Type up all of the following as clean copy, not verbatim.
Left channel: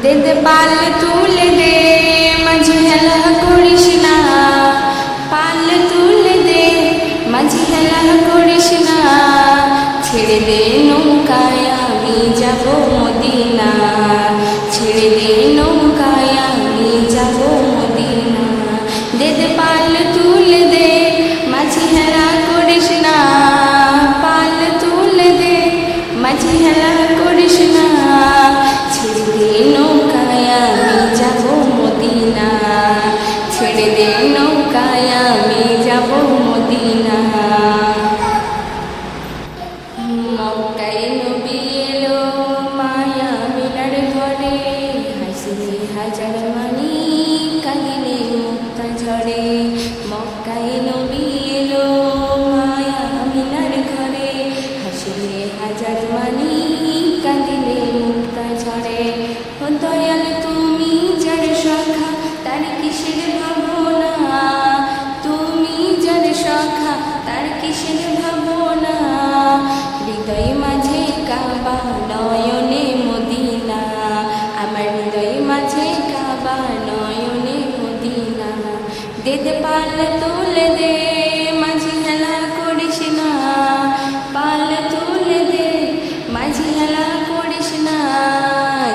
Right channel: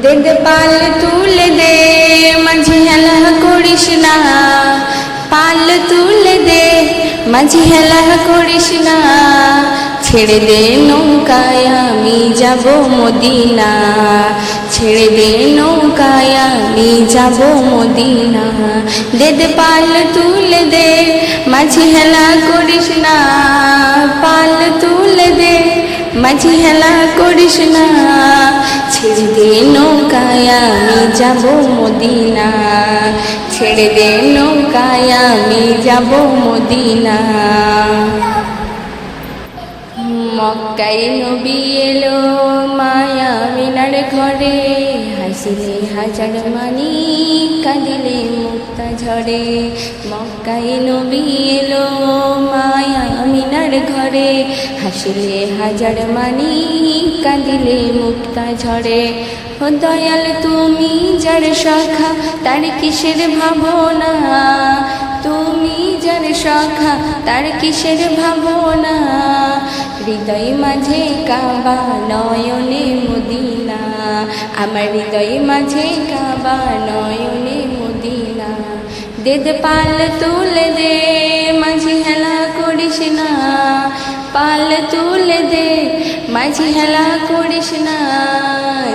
দে দে পাল তুলে দে, মাঝি হেলা করিস না। পাল তুলে দে, মাঝি হেলা করিস না। ছেড়ে দে নৌকায় আমি যাব মদিনা, ছেড়ে দে নৌকায় আমি যাব মদিনা। দে দে পাল তুলে দে, মাঝি হেলা করিস না। পাল তুলে দে, মাঝি হেলা করিস না। ছেড়ে দে নৌকায় আমি যাব মদিনা, ছেড়ে দে নৌকায় আমি যাব মদিনা। মক্কায় নবী এলো মায়া মিনার ঘরে, হাসিলে হাজার মানি কাঁদিলে মুক্তা ঝরে। মক্কায় নবী এলো মায়া মিনার ঘরে, হাসিলে হাজার মানি কাঁদিলে মুক্তা ঝরে। ও দয়াল তুমি যার সখা তার কিসের ভাবনা, তুমি যার সখা তার কিসের ভাবনা। হৃদয় মাঝে কাবা নয়নে মদিনা, আমার হৃদয় মাঝে কাবা নয়নে মদিনা। দে দে পাল তুলে দে, মাঝি হেলা করিস না। পাল তুলে দে, মাঝি হেলা করিস না।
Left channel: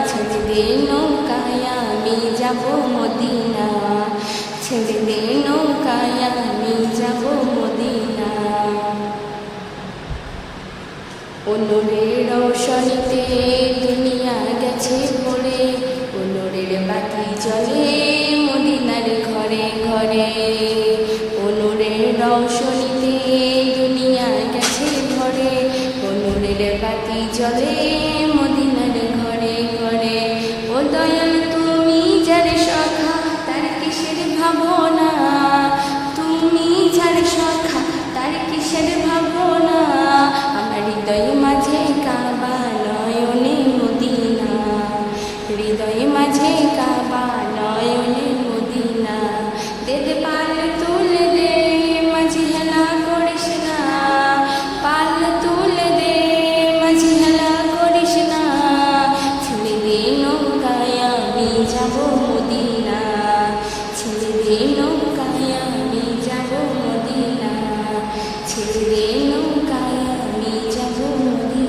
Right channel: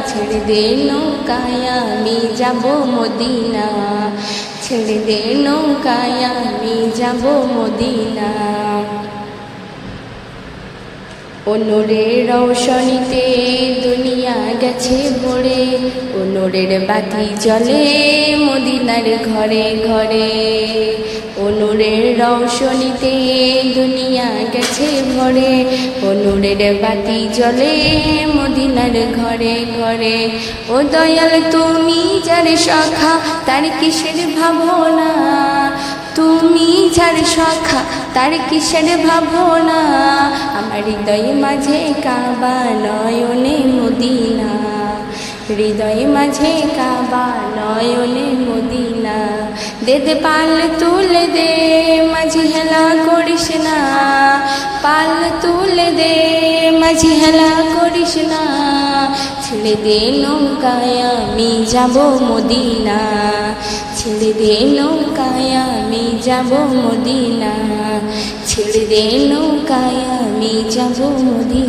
ছেড়ে দে নৌকায় আমি যাব মদিনা, ছেড়ে দে নৌকায় আমি যাব মদিনা। ও নূরের রৌশনীতে দুনিয়া গেছে ভরে, ও নূরের বাতি জ্বলে মদিনার ঘরে ঘরে। ও নূরের রৌশনীতে দুনিয়া গেছে ভরে, ও নূরের বাতি জ্বলে মদিনার ঘরে ঘরে। ও দয়াল তুমি যার সখা তার কিসের ভাবনা, তুমি যার সখা তার কিসের ভাবনা। আমার হৃদয় মাঝে কাবা নয়নে মদিনা, হৃদয় মাঝে কাবা নয়নে মদিনা। দে দে পাল তুলে দে, মাঝি হেলা করিস না। পাল তুলে দে, মাঝি হেলা করিস না। ছেড়ে দে নৌকায় আমি যাব মদিনা, ছেড়ে দে নৌকায় আমি যাব মদিনা, ছেড়ে দে নৌকায় আমি যাব মদিনা।